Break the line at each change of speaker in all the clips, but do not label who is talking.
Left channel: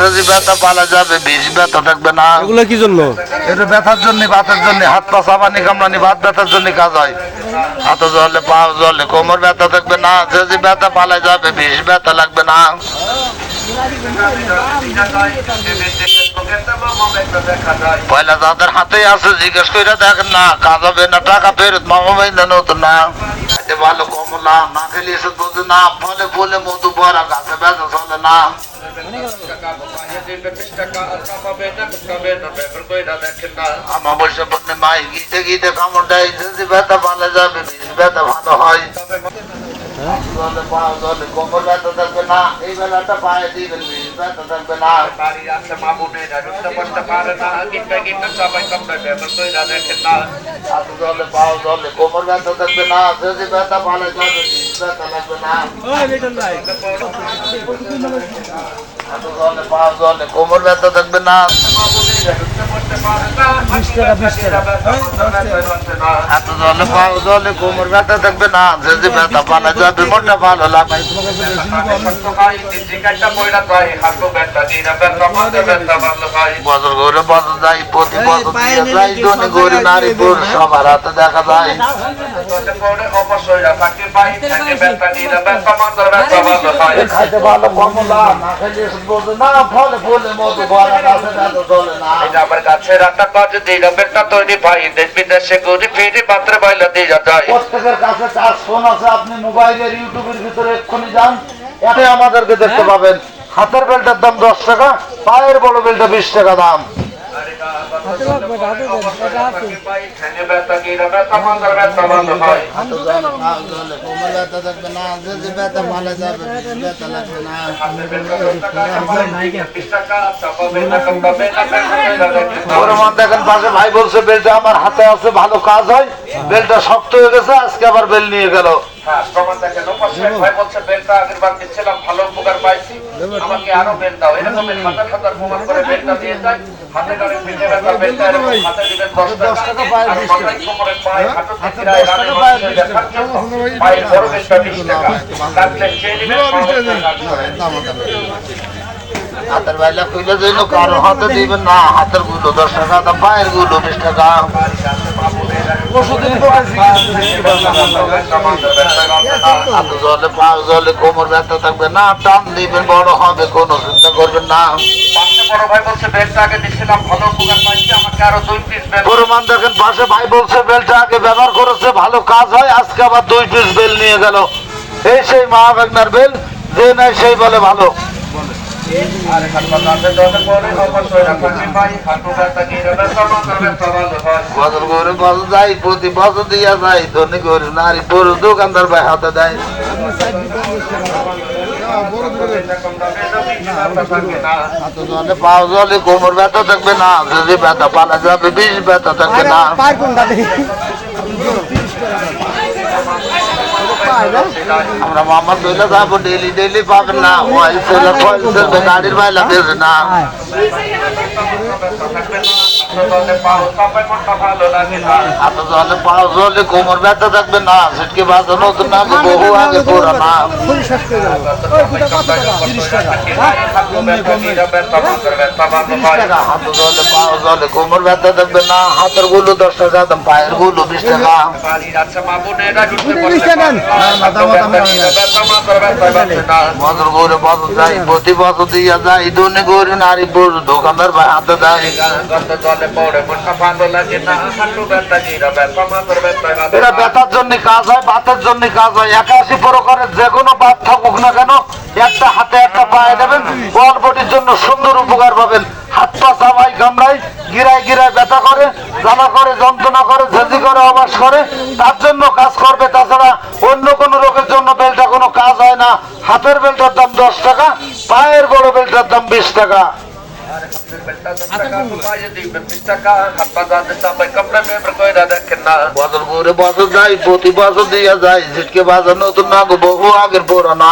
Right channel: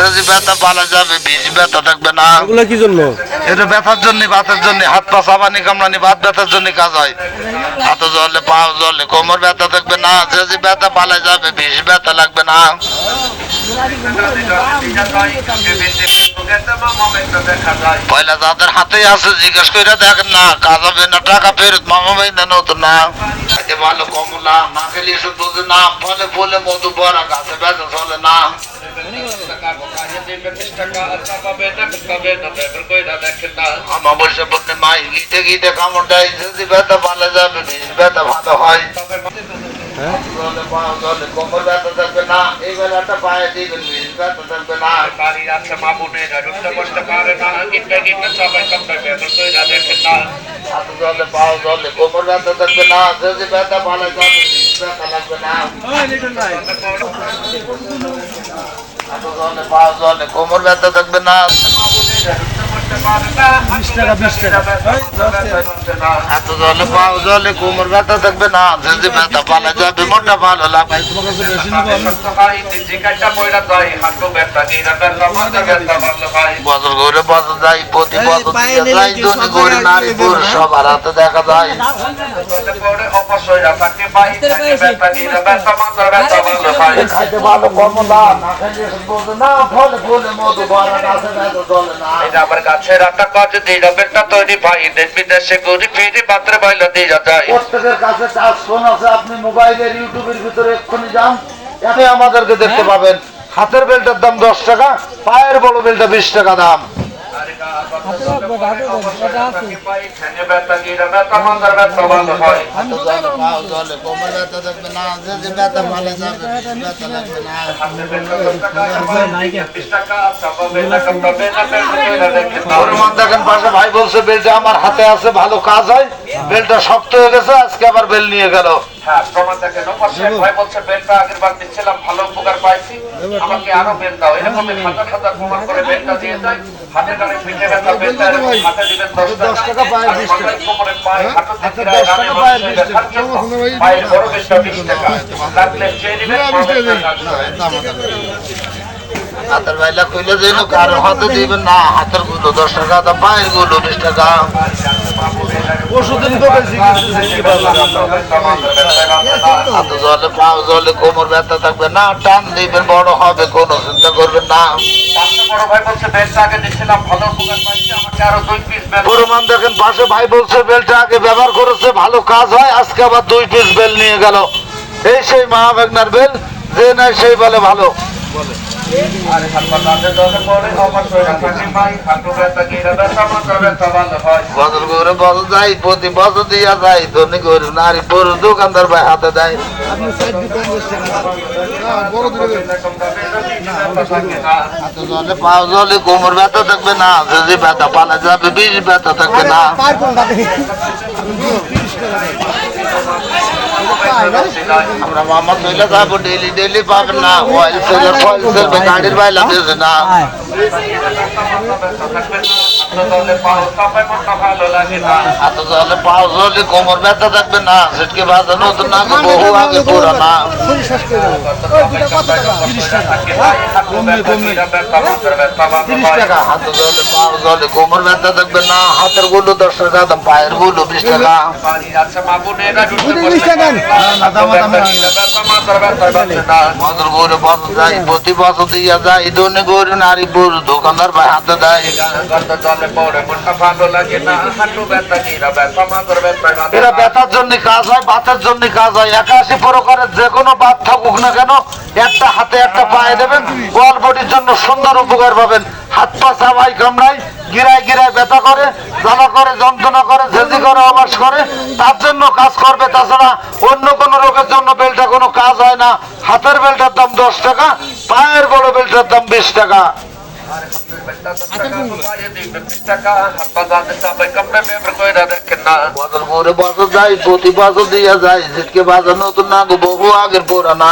যদি ব্যথা পালা যাবে বিষ ব্যথা থাকবে না।
এগুলো কি জন্য?
এটা ব্যথার জন্য বাতের জন্য হাত পা চাবানি কামড়ানি বাত ব্যথার জন্য কাজ হয়। হাত জলে পা জলে কোমর ব্যথা থাকবে না যদি ব্যথা পালা যাবে বিষ ব্যথা লাগবে না। পয়লা যাদের হাতে আছে জিজ্ঞেস করে দেখেন না কাজ হবে না টাকা ফেরত মামা ভাই না নতুন না। এতে ভালো কমলা না খেলে বুঝে না ফলে ফলে মধু ভরা গাছে বেচা চলে না। বসে বলতে মাই গীতে গীতে কামড় দেয় যদি ব্যথা ভালো যাবে ব্যথা ভালো হয়। জলে পা ব্যথা থাকবে না এই বেলাটা পায়ে দিবেন বিষ ব্যথা থাকবে না হাত জলে পা জলে কোমর ব্যথা থাকবে না যদি ব্যথা ভালো যাবে বিষ ব্যথা লাগবে না হাত জলে পা জলে কোমর ব্যথা থাকবে না হাত জলে পা জলে কোমর ব্যথা থাকবে না যদি ব্যথা পালা যাবে মোটা ভালো লাগবে বছর ঘুরে বছর যাই প্রতি বছর দিয়ে যাই ধনী গরি নারী পুরুষ সবার হাতে দেখা যায় খাইতে ভালো কমলা না খাইলে ফলে ফলে
গাছের আটা কাজ দিয়ে বেলটা তৈরি ভাই দেশ বিদেশে ঘুরি ফিরি পাত্রে বাইলা দিয়ে যায়
প্রত্যেকের কাছে কাজ ফোন আছে আপনি মোবাইলের ইউটিউবের ভিতরে এক্ষুনি যান। এতে আমাদেরকে দেখতে পাবেন। হাতের বেল্টের দাম দশ টাকা পায়ের বড় বেল্টটা বিশ টাকা দাম। ভাই বলছে বেলটা আমার হাতে আছে ভালো কাজ হয় বেলটা শক্ত হয়ে গেছে আজকে আবার বেল নিয়ে গেল
হ্যাঁ প্রমাণ দেখেন। ওপাশে ভাই বলছে বেলটা আগের বার দিচ্ছিলাম ভালো উপকার পাইছি। আমাকে আরও বেল দাও। এরকম হাজার হাজার প্রমাণ করে বেলটা দিয়ে যায়। হাতে গাড়ি পিঠে ব্যথা বেলটা হাতে দিবেন দশ টাকা আর মাথায় কোমরে পায়ে হাঁটু থেকে রানে মানুষ ব্যথার জন্য পায়ের বড় বেলটা বিশ টাকা। লাগলে চেয়ে নিবেন
হাতের বাইলা কইলে যেন কারও হাতে দিবেন না হাতেরগুলো দশ টাকা দাম পায়েরগুলো বিশ টাকা। জলে পা জলে কোমর ব্যথা থাকবে না টান দিবেন বড় হবে কোনো চিন্তা করবেন না। প্রমাণ দেখেন পাশে ভাই বলছে বেলটা আগে ব্যবহার করেছে ভালো কাজ হয় আজকে আবার দুই পিস বেল নিয়ে গেল। এই সেই মহাবেগনার বেল যে নাই সেই বলে ভালো।
আরে হাসপাতালে দলে পড়ে অবশ্যই রাখাকে পাই হাঁটু ব্যথা গিরে ব্যথা মাথার ব্যথা ভালো হয়
বছর করে বছর যাই প্রতি বছর দিয়া যাই ধনী করে নারী পুরুষ দোকানদার ভাই হাতে দেয়। হাতে জলে পাও জলে কোমর ব্যথা থাকবে না যদি ব্যথা পালা যাবে বিষ ব্যথা থাকবে না। আমরা মামা তৈলে যাব ডেলি ডেলি পাবেন না অয়েল সেলের ফয়েল সেলবে গাড়ির বাইলা দেবে না হাত জলে পাও জলে কোমর ব্যথা থাকবে না হাত জলে পাও কোমর ব্যথা থাকবে না হাতেরগুলো দশ টাকা দাম পায়েরগুলো বিশ টাকা বছর করে বছর যাই প্রতি বছর দিয়া যায় ধনী গরু নারী পুরুষ দোকানদার ভাই হাতে দেয়। এরা ব্যথার জন্য কাজ হয় বাতের জন্য কাজ হয়। একাশি প্রকারের যে কোনো বাত থাকুক না কেন, একটা হাতে একটা পায়ে দেবেন, গোয়াল বডির জন্য সুন্দর উপকার পাবেন। হাত পা চাবাই, কামড়াই, গিরায় গিরায় ব্যথা করে জামা করে, যন্ত্রণা করে ঝেঁজি করে অবাস করে, তার জন্য কাজ করবে। তাছাড়া অন্য কোনো রোগের জন্য বেলটা কোনো কাজ হয় না। হাতের বেলটার দাম দশ টাকা, পায়ের বড় বেলটার দাম বিশ টাকা। প্রতি বছর দিয়া যায় ঝিটকে বাজার নতুন না গো বহু আগের পুরানা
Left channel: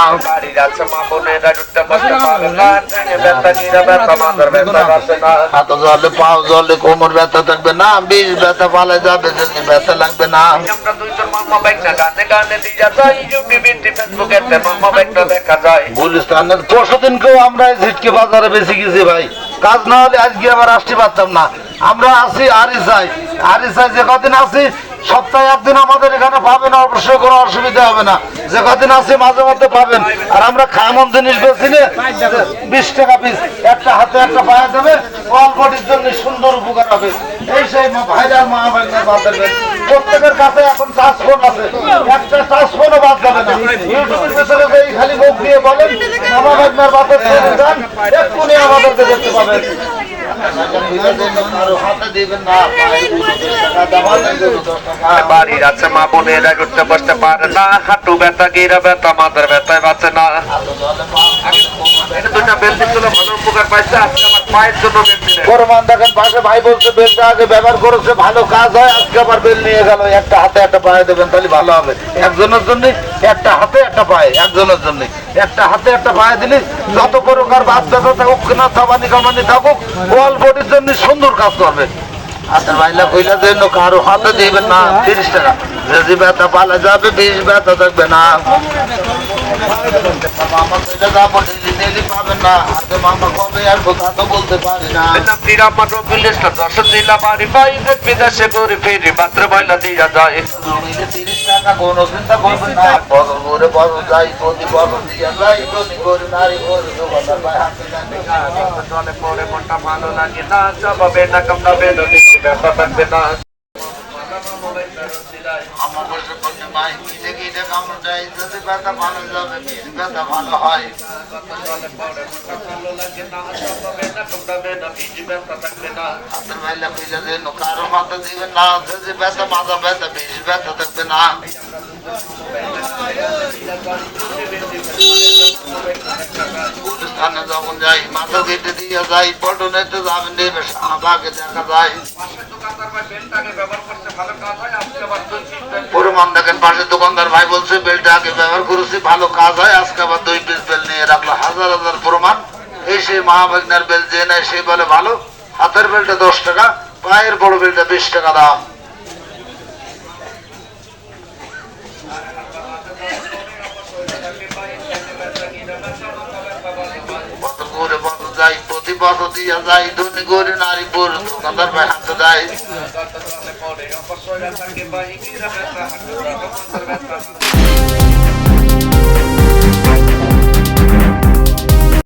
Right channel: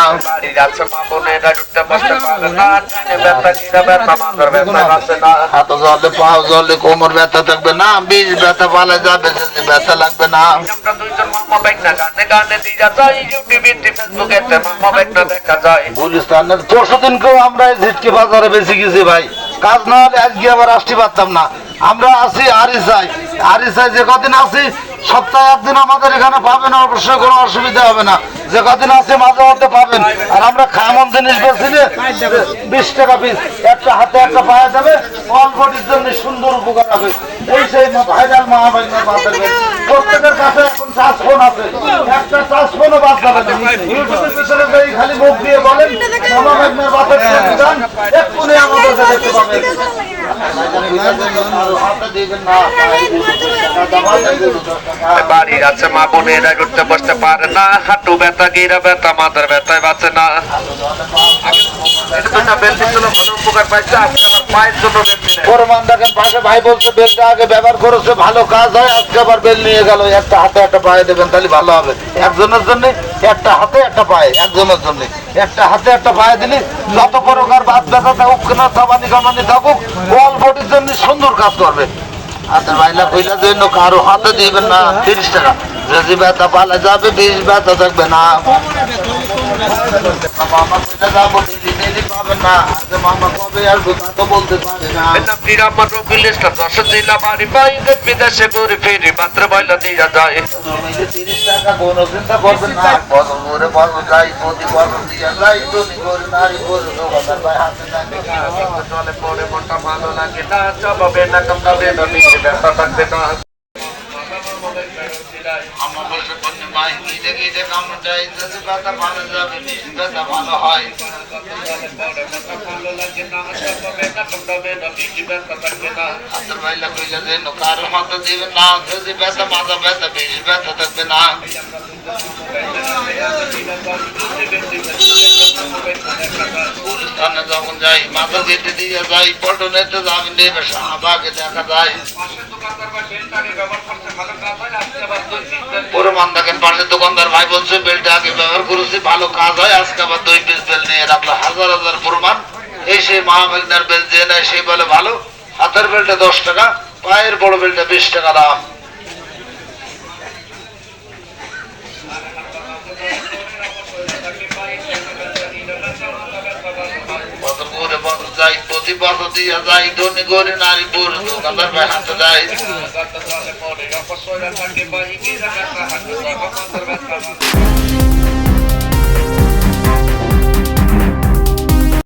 হাত জলে পাও জলে কোমর ব্যথা থাকবে না বিষ ব্যথা পালে যাবে যদি ব্যথা লাগবে না
আমরা দুইজন মামা না গানে গানে দিয়া যাই ইউটিউবে ফেসবুকে মামা বাইকটা দেখা যায়
গুলিস্তানের পরশু দিনকেও আমরা ঝিটকে বাজারে বেশি গেছি ভাই কাজ না হলে আজকে আবার আসতে পারতাম না। আমরা আছি আরিসাই আরিসাই যে কদিন আছি সপ্তাহে একদিন আমাদের এখানে পাবেন, অবশ্যই কোনো অসুবিধা হবে না। যে কদিন আছে মাঝে মধ্যে পাবেন। আর আমরা খামন জিনিস বেশি বিশ টাকা পিস একটা হাতে একটা পায়ে দেবে অল্পটির জন্য সুন্দর উপকার হবে। এই সেই ভাইরাল মহাভাইনার বাজার প্রত্যেকের কাছে এখন চাষ ফোন আছে। একটা চাষ ফোনও বাদ যাবে না। ইউটিউবের ভিতরে যেই খালি মুখ দিয়ে বলেন মহাভাইনার বাজার এক্ষুনি আমাদেরকে দেখতে পাবেন।
বাড়ির আছে মা বোনেরা ঘুরতে বসতে পারে না, হাঁটু ব্যথা, গিরা ব্যথা, মাথার ব্যথায় বাঁচে না। এটা দুইটা বেল দিচ্ছিল ভালো উপকার পাইছে, আজকে আমার পায়ের জন্য বেল দিলে
দেখেন, পাশে ভাই বলছে, বেলটা আগে ব্যবহার করেছে, ভালো কাজ হয়, আজকে আবার বেল নিয়ে গেল, একটা হাতে একটা পায়ে দেবেন, তাহলে ভালো হবে। একজনের জন্য একটা হাতে একটা পায়ে, একজনের জন্য একটা হাতে একটা পায়ে দিলে যত প্রকার থাকুক, না থামানি কামানি থাকুক অল বডির জন্য সুন্দর কাজ করবে। হাতের বাইলা কইলা জন্য কারও হাতে দিবেন না, তিরিশ টাকা। যদি ব্যথা পালা যাবে বিষ ব্যথা থাকবে না। মামা কইলা যাব ডেলি ডেলি পাবেন না আগে মামা কবে আসব তা তো বলতে পারি না
নামটির আমার রবিলেশটা দশ জেলা বাড়ি বাইরে বিদেশে করে ফেরি মাত্র বয়লা দিয়া যায়
জমিতে তিরিশ টাকা কোনো চিন্তা করবেন না বদল করে বদল যাই প্রতি বদল দিয়া যাই ধনী করে নারী করে দোকানদার ভাই হাতে নেয়।
জলে পরে মনটা ভালো লাগে না চাপাবে না কামড়াবে না নিচে ব্যথা থাকবে না
আমার বসে বললে ভাই গিয়ে গিয়ে কামড় যদি ব্যথা ভালো যাবে ব্যথা ভালো হয়। কারও হাতে দিবেন না মাথা যখন যাই, মাথা কেটে দিয়ে যাই পল্টনেতে যাবেন দেখা যায়। প্রমাণ দেখেন পাশে দোকানদার ভাই বলছে, বেলটা আগে ব্যবহার করেছি, ভালো কাজ হয়, আজকে আবার দুই পিস বেল নিয়ে রাখল। হাজার হাজার প্রমাণ। এই সেই মহাভাগনার বেল যে নেয়, সে বলে ভালো। হাতের বেলটা দশ টাকা, পায়ের বড় বেলটা বিশ টাকা দাম বছর করে বছর যাই বছর দিয়ে যাই ধনী গরি নারী পুরুষ দোকানদার ভাই হাতে Thank
পরে